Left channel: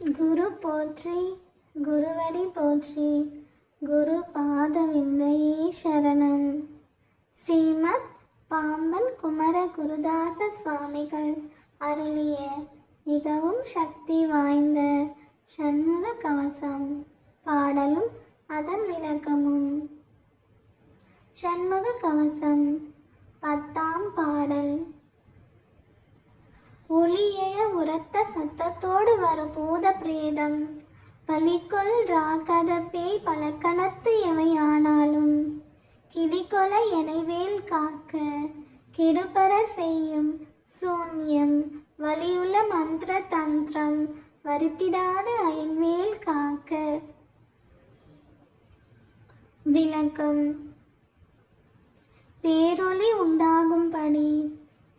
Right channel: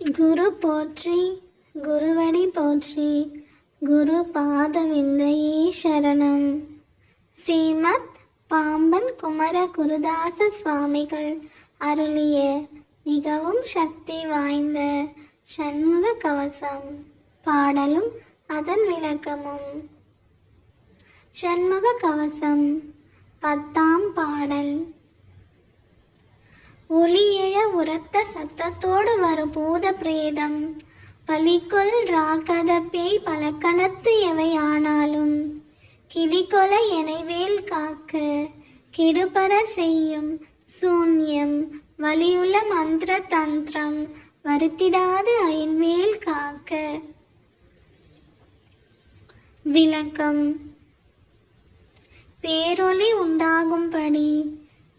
குரு போற்றி, குருவடி போற்றி, குரு பாதவிந்தையே சரணம். ஸ்ரீமத் பாம்பன் குமர குருதாச சுவாமிகள் அருளிய மிகவும் சக்தி வாய்ந்த சண்முக கவசம் பாடலும் அதன் விளக்கமும். சண்முக கவசம் 10ஆம் பாடல். ஒளி எழ உரத்த சத்தத்தோடு வரும் பூத பிரேதம், பலிக்குள் ராகத பேய் பலக்கணத்து எவை ஆனாலும், கிளிகொல எனைவேல் காக்க கெடுபர செய்யும் சூன்யம், வலியுள்ள மந்திர தந்திரம் வருத்திடாது அயல்வேல் காக்க. விளக்கம். பேரொளி உண்டாகும்படி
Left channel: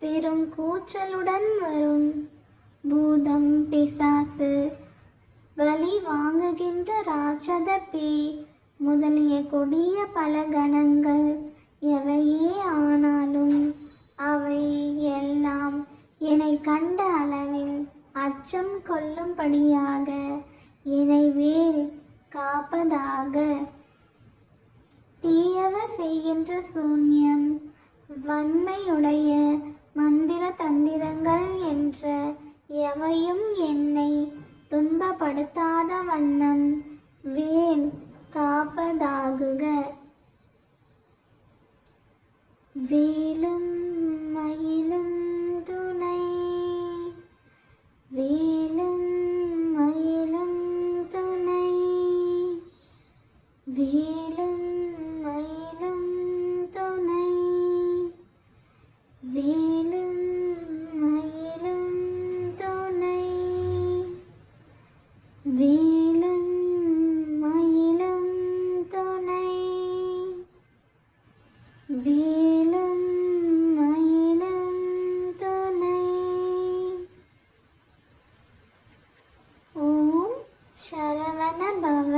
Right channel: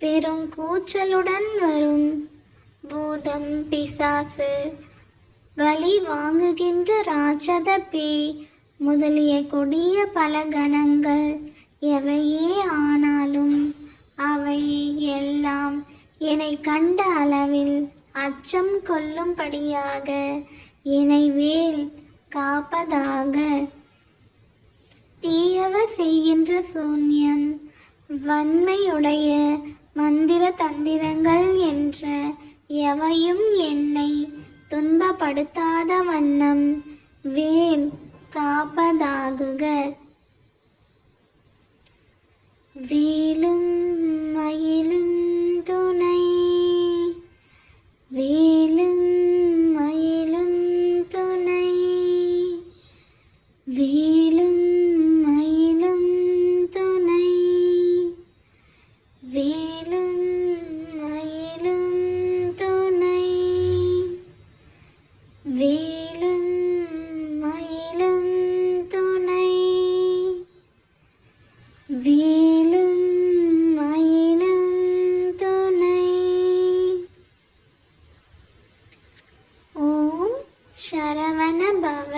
பெரும் கூச்சலுடன் வரும் பூதம், பிசாசு, வலி வாங்குகின்ற ராட்சத பேய் முதலிய கொடிய பல கணங்கள் எவையே ஆனாலும் அவை எல்லாம் என்னை கண்ட அளவில் அச்சம் கொள்ளும்படியாக என்னை வேல் காப்பதாக. தீயவர் செய்கின்ற சூன்யம், வன்மையுடைய மந்திர தந்திரங்கள் என்று எவையும் என்னை துன்பப்படுத்தாத வண்ணம் வேல் காப்பதாகுக. வேலும் மயிலும் துணை, வேலும் மயிலும் துணை, வேலும் மயிலும் துணை, வேலும் மயிலும் துணை, வேலும் மயிலும் துணை, வேலும் மயிலும் துணை. ஓம் சரவண பவ.